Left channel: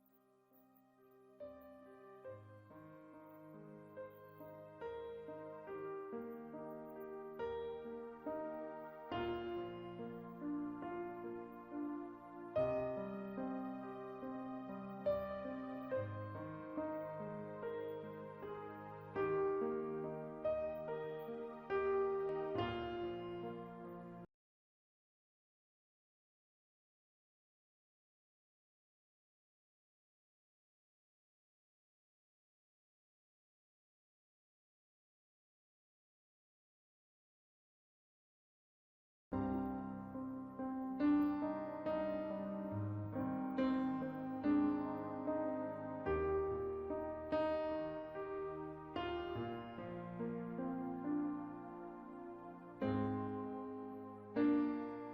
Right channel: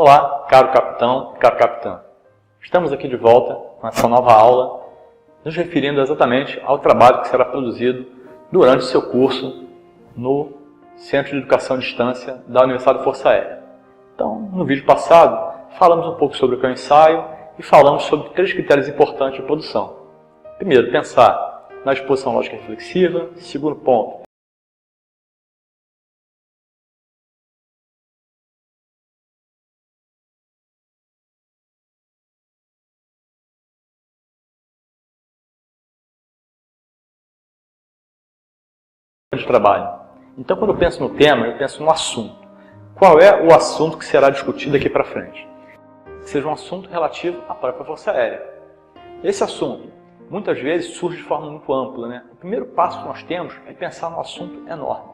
Olá, caro capitão, caro capitã. Estamos aqui de volta com essa nova aula, nos referindo exatamente ao trabalho que será produzido durante o seu curso no Centro de Educação à Distância da Universidade da Força Aérea. Então, no vídeo passado, falamos um pouco sobre o que é o ensaio e falamos sobre 3 critérios importantes de produção. Primeiro, pensar na disposição lógica reflexiva. Segundo ponto, de trabalho. Então, quando eu penso no tema, eu penso no assunto. Qual é o assunto que será discutido daqui para frente? Seja um assunto relativo à própria Força Aérea. Esse assunto, muitas vezes, surge de forma muito ampla, né? O primeiro passo que nós temos é pensar num assunto enorme,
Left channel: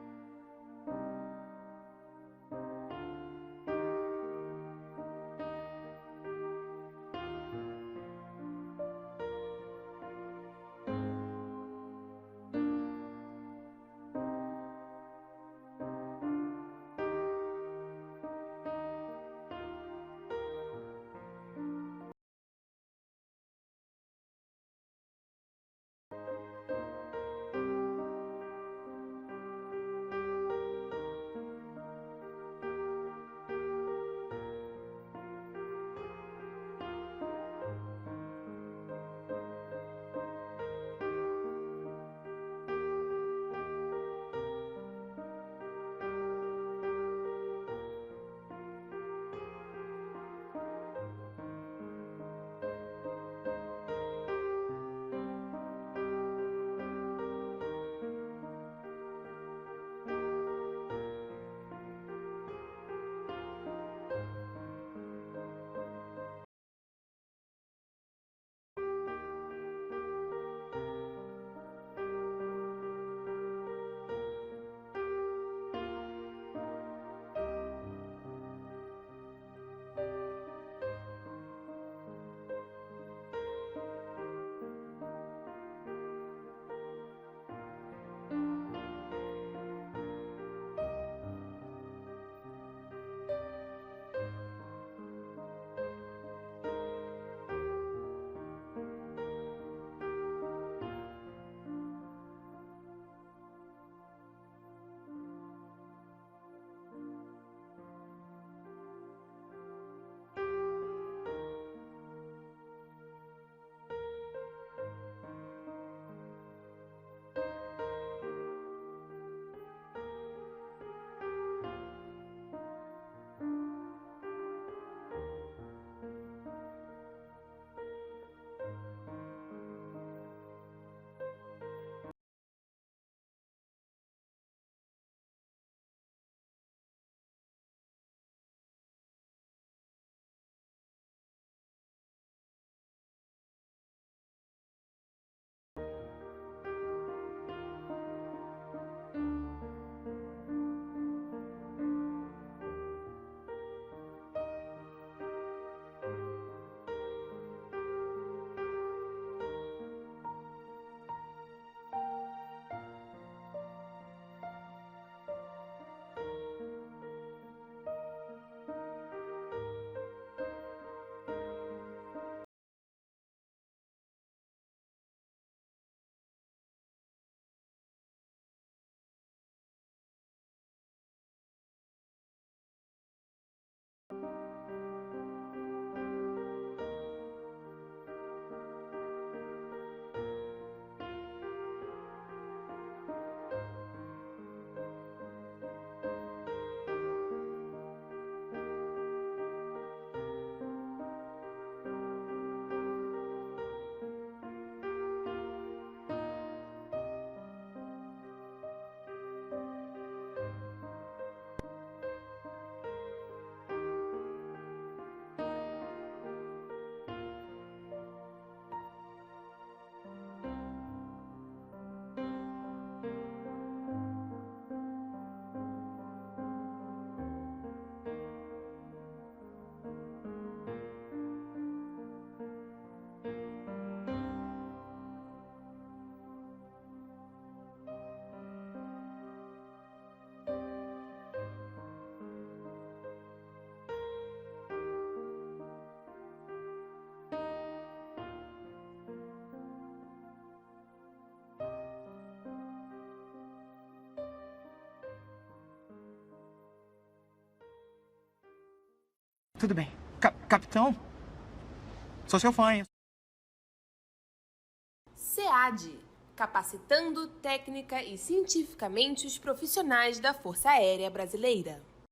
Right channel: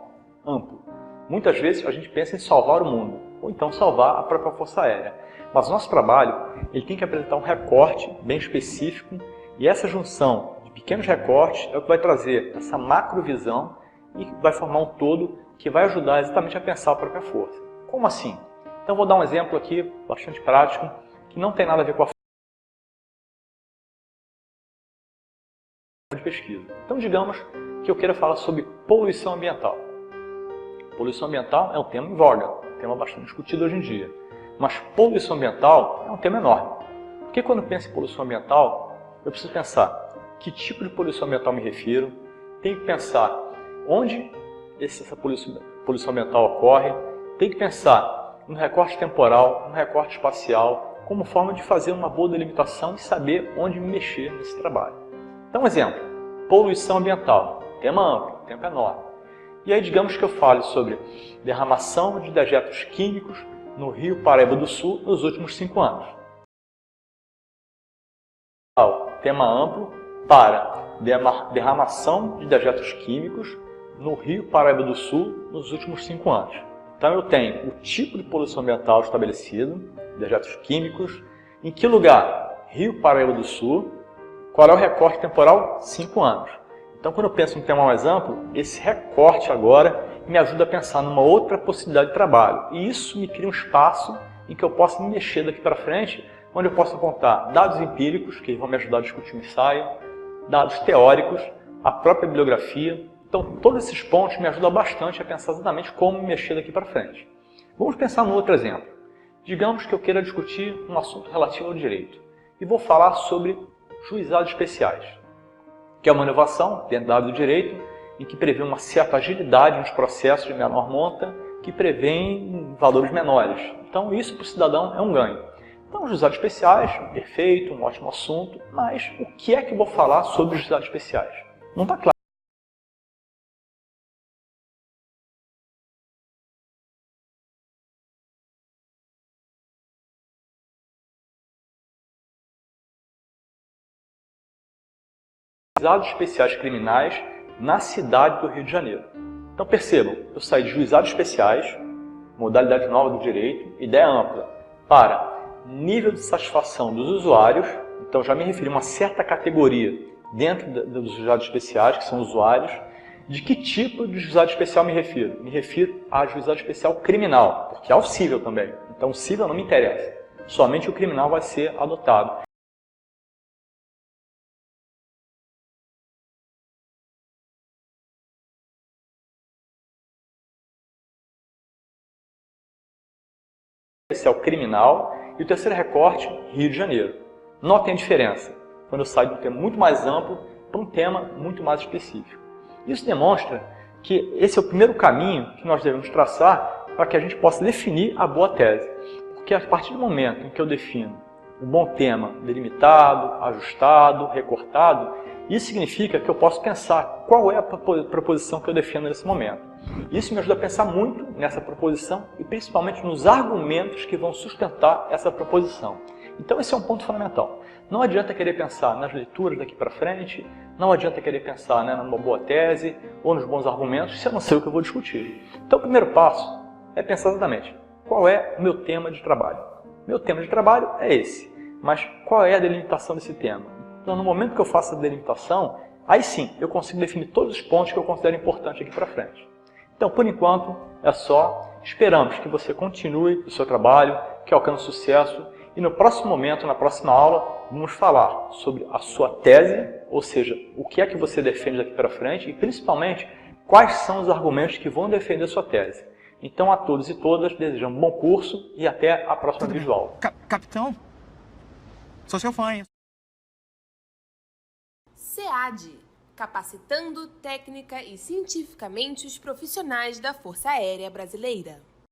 amplo. Muitas vezes a gente pensa em salvar o mundo, ou então salvar a própria Força Aérea. Mas o nosso trabalho ele tem que apresentar um recorte bem específico, e essa junção de pequenos recortes é o que vai trazer essa macrovisão e vai formar um todo que vai ajudar exatamente a pensar a própria força. Como assim? Então vou dar um exemplo aqui bastante prático, que não tem nada a ver com a de pesquisa. Então digamos que eu queira falar sobre poluição ambiental. Poluição ambiental é um tema em voga, um tema bastante discutido hoje em dia. Mas poluição ambiental é um tema enorme. Porque quando eu penso em poluição ambiental, eu preciso pensar que tipo de poluição ambiental me refiro, tenho que pensar onde essa poluição ambiental ocorre, tem que pensar no recorte temporal, no recorte espacial, como forma de fazer uma boa delimitação e saber onde me mexer nesse trabalho. Então, um exemplo, poluição ambiental, tema amplo, tema enorme. E aí, digamos que eu fale sobre derramação de dejetos químicos no Rio Paraíba do Sul nos últimos 5 anos. Tema amplo para derramação de dejetos químicos no Rio Paraíba do Sul nos últimos 5 anos. Então eu tenho o tipo de poluição ambiental estabelecido, dejetos químicos, em que lugar? Rio Paraíba do Sul. Qual é o recorte temporal? 5 anos. Então quando eu penso em um tema mais amplo, esse recorte agora me ajuda a pensar numa outra possibilidade de trabalho. E isso me cria um espaço em que eu possa me mexer daqui para frente, onde eu posso apontar dados empíricos, que vão me ajudar a discutir o ensaio, dados teóricos, a própria bibliografia. Então, todos esses pontos me ajudam bastante a pensar exatamente como me mexer daqui para frente. Vamos pensar num outro exemplo. Digamos que eu queira discutir um assunto relativo ao direito. E vou falar sobre juizados especiais, que é uma inovação dentro da área do direito, em que prevê uma certa agilidade nos processos de menor monta, que prevêem valores menores. Então, isso para o cidadão é um ganho. Então, juizados especiais, perfeito, um ótimo assunto, mas o que é que eu vou falar sobre juizados especiais? Não está claro. Juizados especiais criminais na cidade do Rio de Janeiro. Então percebam, eu saí de juizados especiais, modalidade nova do direito, ideia ampla, para nível de satisfação dos usuários. Então já me referi a uma certa categoria dentro dos juizados especiais, que são usuários. De que tipo de juizado especial me refiro? Me refiro a juizado especial criminal, porque há o cível também. Então o cível não me interessa, somente o criminal vai ser adotado. Especial criminal e o terceiro recorte, Rio de Janeiro. Notem a diferença, quando eu saio de um tema muito mais amplo para um tema muito mais específico. Isso demonstra que esse é o primeiro caminho que nós devemos traçar para que a gente possa definir a boa tese. Porque a partir do momento em que eu defino um bom tema delimitado, ajustado, recortado, isso significa que eu posso pensar qual é a proposição que eu defendo nesse momento. Isso me ajuda a pensar muito nessa proposição e principalmente nos argumentos que vão sustentar essa proposição. Então esse é um ponto fundamental. Não adianta querer pensar nas leituras daqui para frente, não adianta querer pensar numa boa tese ou nos bons argumentos se eu não sei o que eu vou discutir. Então o primeiro passo é pensar exatamente qual é o meu tema de trabalho. Meu tema de trabalho é esse, mas qual é a delimitação desse tema? Então no momento que eu faço a delimitação, aí sim eu consigo definir todos os pontos que eu considero importantes aqui para frente. Então por enquanto é só esperamos que você continue o seu trabalho, que alcance sucesso e no próximo momento, na próxima aula, vamos falar sobre a sua tese, ou seja, o que é que você defende daqui para frente e principalmente quais são os argumentos que vão defender a sua tese. Então a todos e todas desejamos um bom curso e até a próxima videoaula. Capitão, sou seu fã, hein? SEAD, capacitando técnica e cientificamente os profissionais da Força Aérea Brasileira.